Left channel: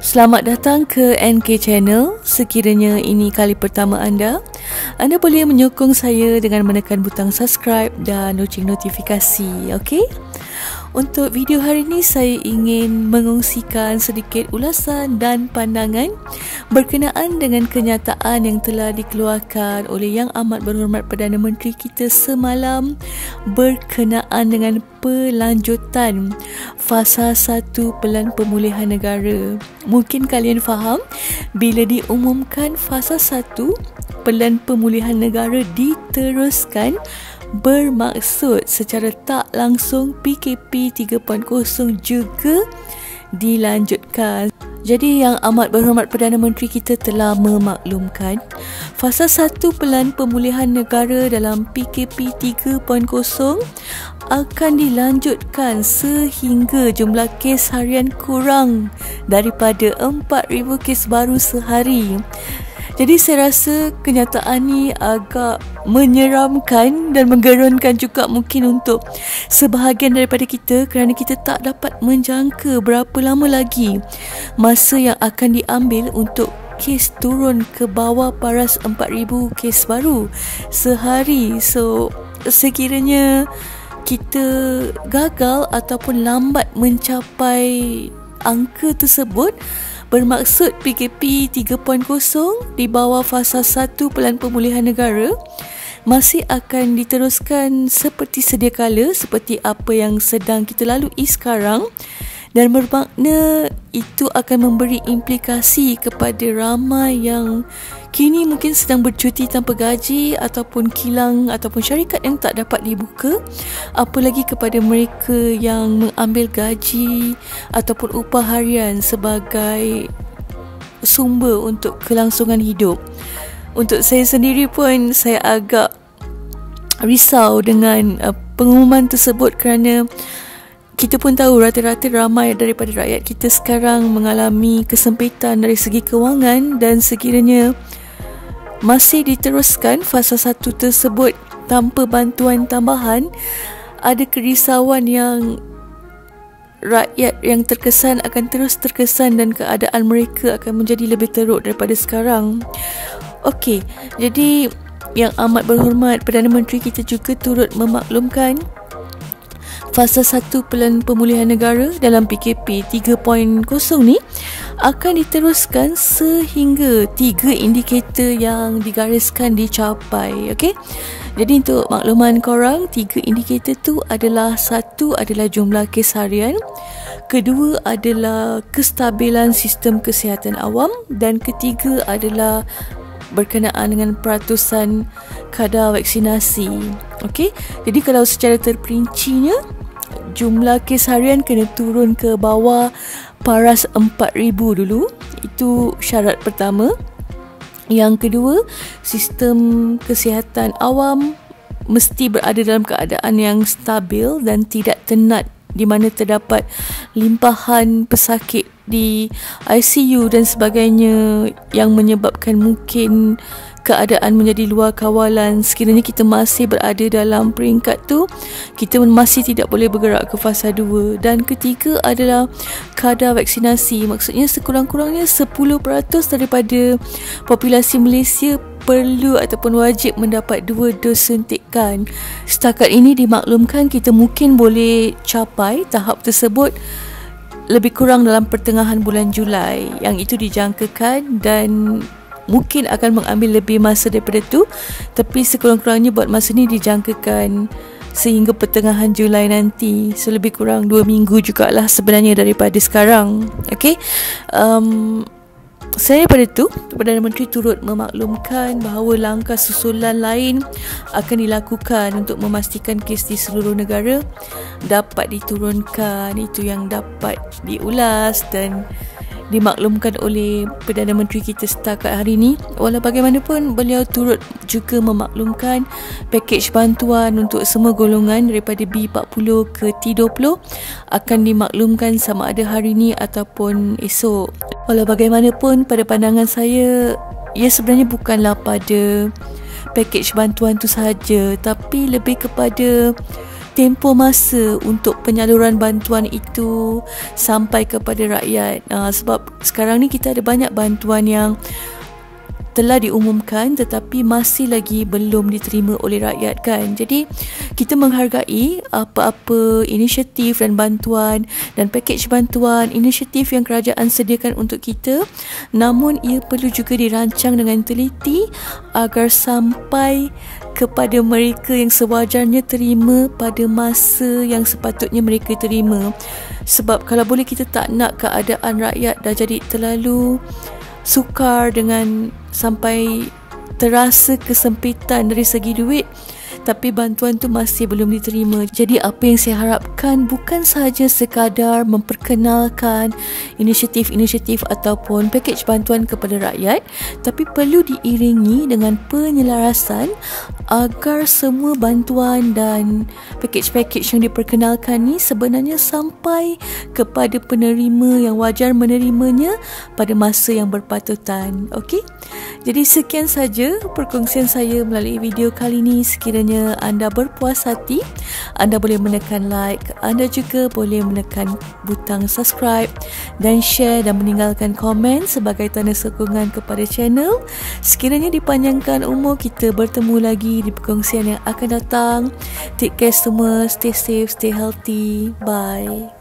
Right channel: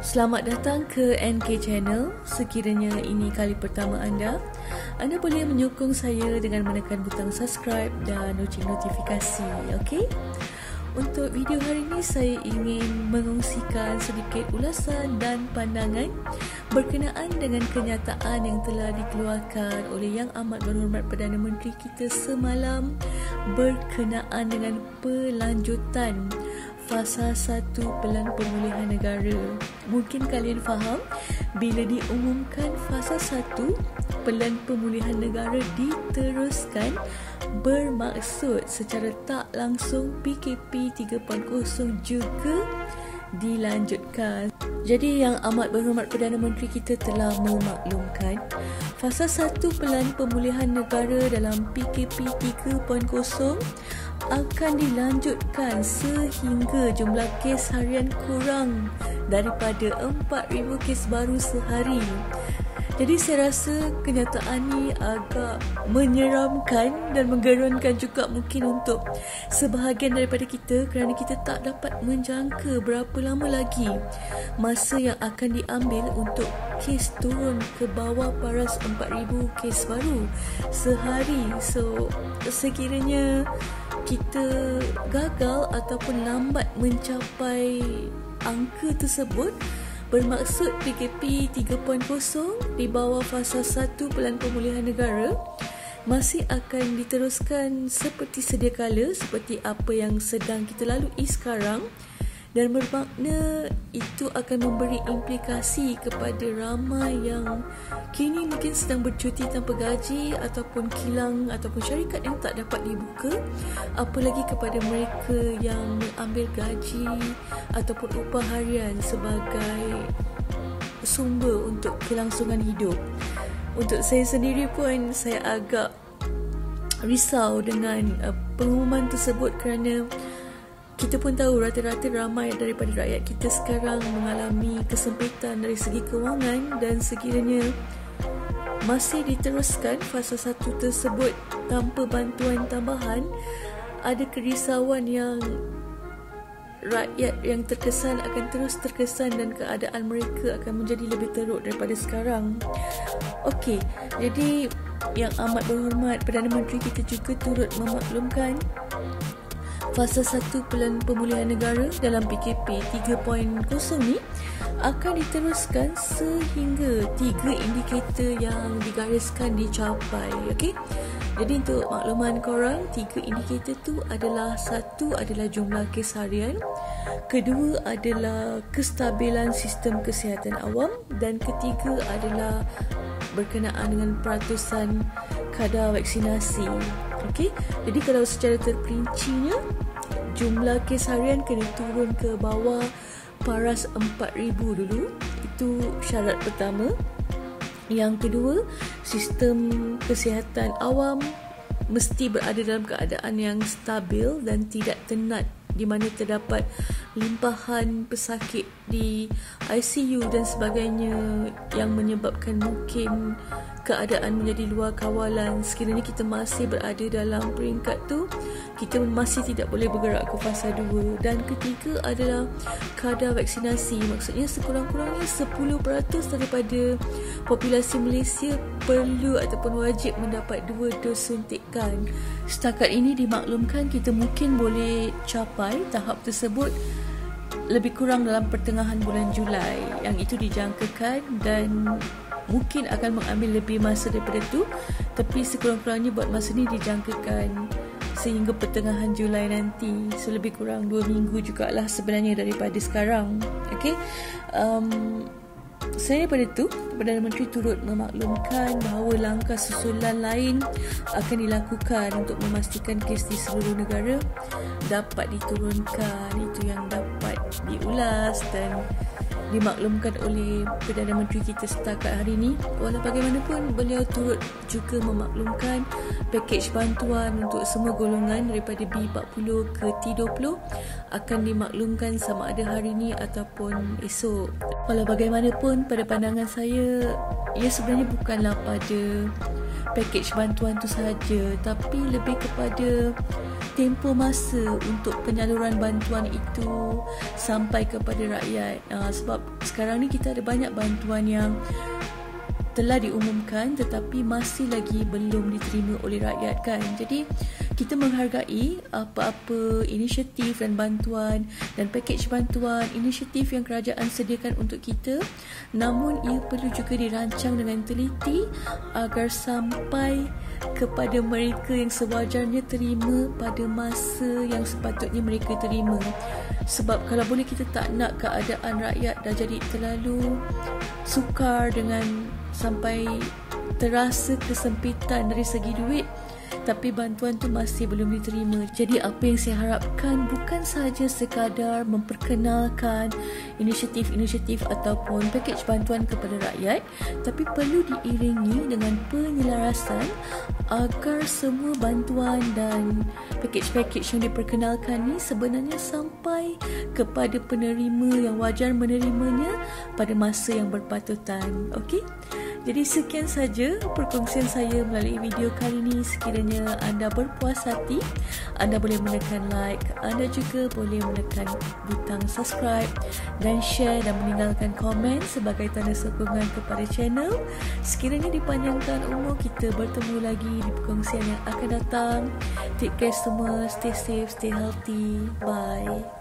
Selamat datang ke NK Channel. Sekiranya ini kali pertama anda boleh menyokong saya dengan menekan butang subscribe dan loceng notifikasi, okey? Untuk video hari ini saya ingin mengongsikan sedikit ulasan dan pandangan berkenaan dengan kenyataan yang telah dikeluarkan oleh Yang Amat Berhormat Perdana Menteri kita semalam berkenaan dengan pelanjutan fasa 1 Pelan Pemulihan Negara. Mungkin kalian faham bila diumumkan fasa 1 Pelan Pemulihan Negara diteruskan, bermaksud secara tak langsung PKP 3.0 juga dilanjutkan. Jadi Yang Amat Berhormat Perdana Menteri kita telah memaklumkan fasa 1 Pelan Pemulihan Negara dalam PKP 3.0 akan dilanjutkan sehingga jumlah kes harian kurang daripada 4,000 kes baru sehari. Jadi saya rasa kenyataan ni agak menyeramkan dan menggeronkan juga mungkin untuk sebahagian daripada kita, kerana kita tak dapat menjangka berapa lama lagi masa yang akan diambil untuk kes turun ke bawah paras 4,000 kes baru sehari. So sekiranya kita gagal ataupun lambat mencapai angka tersebut, bermaksud PKP 3.0 di bawah fasa 1 Pelan Pemulihan Negara masih akan diteruskan seperti sedia kala, seperti apa yang sedang kita lalui sekarang, dan bermakna itu akan memberi implikasi kepada ramai yang kini mungkin sedang bercuti tanpa gaji ataupun kilang ataupun syarikat yang tak dapat dibuka, apalagi kepada mereka yang mengambil gaji ataupun upah harian sebagai sumber untuk kelangsungan hidup. Untuk saya sendiri pun saya agak risau dengan pengumuman tersebut, kerana kita pun tahu rata-rata ramai daripada rakyat kita sekarang mengalami kesempitan dari segi kewangan, dan sekiranya masih diteruskan fasa 1 tersebut tanpa bantuan tambahan, ada kerisauan yang rakyat yang terkesan akan terus terkesan dan keadaan mereka akan menjadi lebih teruk daripada sekarang. Okey, jadi Yang Amat Berhormat Perdana Menteri kita juga turut memaklumkan fasa 1 Pelan Pemulihan Negara dalam PKP 3.0 ni akan diteruskan sehingga 3 indikator yang digariskan dicapai. Okey. Jadi untuk makluman korang, 3 indikator tu adalah, 1 adalah jumlah kes harian, kedua adalah kestabilan sistem kesihatan awam, dan ketiga adalah berkenaan dengan peratusan kadar vaksinasi. Okey. Jadi kalau secara terperincinya, jumlah kes harian kena turun ke bawah paras 4,000 dulu. Itu syarat pertama. Yang kedua, sistem kesihatan awam mesti berada dalam keadaan yang stabil dan tidak tenat, di mana terdapat limpahan pesakit di ICU dan sebagainya yang menyebabkan mungkin keadaan menjadi luar kawalan. Sekiranya kita masih berada dalam peringkat tu, kita masih tidak boleh bergerak ke fasa 2. Dan ketiga adalah kadar vaksinasi. Maksudnya sekurang-kurangnya 10% daripada populasi Malaysia perlu ataupun wajib mendapat 2 dos suntikan. Setakat ini dimaklumkan kita mungkin boleh capai tahap tersebut lebih kurang dalam pertengahan bulan Julai. Yang itu dijangkakan, dan mungkin akan mengambil lebih masa daripada tu, tapi sekurang-kurangnya buat masa ni dijangkakan sehingga pertengahan Julai nanti. So lebih kurang 2 minggu jugalah sebenarnya daripada sekarang. Okey. Saya pada tu, Perdana Menteri turut memaklumkan bahawa langkah susulan lain akan dilakukan untuk memastikan kes di seluruh negara dapat diturunkan. Itu yang dapat diulas dan dimaklumkan oleh Perdana Menteri kita setakat hari ini. Walau bagaimanapun, beliau turut juga memaklumkan pakej bantuan untuk semua golongan daripada B40 ke T20 akan dimaklumkan sama ada hari ini ataupun esok. Walau bagaimanapun, pada pandangan saya, ia sebenarnya bukanlah pada pakej bantuan tu sahaja, tapi lebih kepada tempoh masa untuk penyaluran bantuan itu sampai kepada rakyat. Sebab sekarang ni kita ada banyak bantuan yang telah diumumkan tetapi masih lagi belum diterima oleh rakyat kan. Jadi kita menghargai apa-apa inisiatif dan bantuan dan pakej bantuan, inisiatif yang kerajaan sediakan untuk kita, namun ia perlu juga dirancang dengan teliti agar sampai kepada mereka yang sewajarnya terima pada masa yang sepatutnya mereka terima. Sebab kalau boleh kita tak nak keadaan rakyat dah jadi terlalu sukar dengan sampai terasa kesempitan dari segi duit tapi bantuan tu masih belum diterima. Jadi apa yang saya harapkan bukan sahaja sekadar memperkenalkan inisiatif-inisiatif ataupun pakej bantuan kepada rakyat, tapi perlu diiringi dengan penyelarasan agar semua bantuan dan pakej-pakej yang diperkenalkan ni sebenarnya sampai kepada penerima yang wajar menerimanya pada masa yang berpatutan. Okey? Jadi sekian saja perkongsian saya melalui video kali ini. Sekiranya anda berpuas hati, anda boleh menekan like, anda juga boleh menekan butang subscribe dan share dan meninggalkan komen sebagai tanda sokongan kepada channel. Sekiranya dipanjangkan umur, kita bertemu lagi di perkongsian yang akan datang. Take care semua, stay safe, stay healthy. Bye.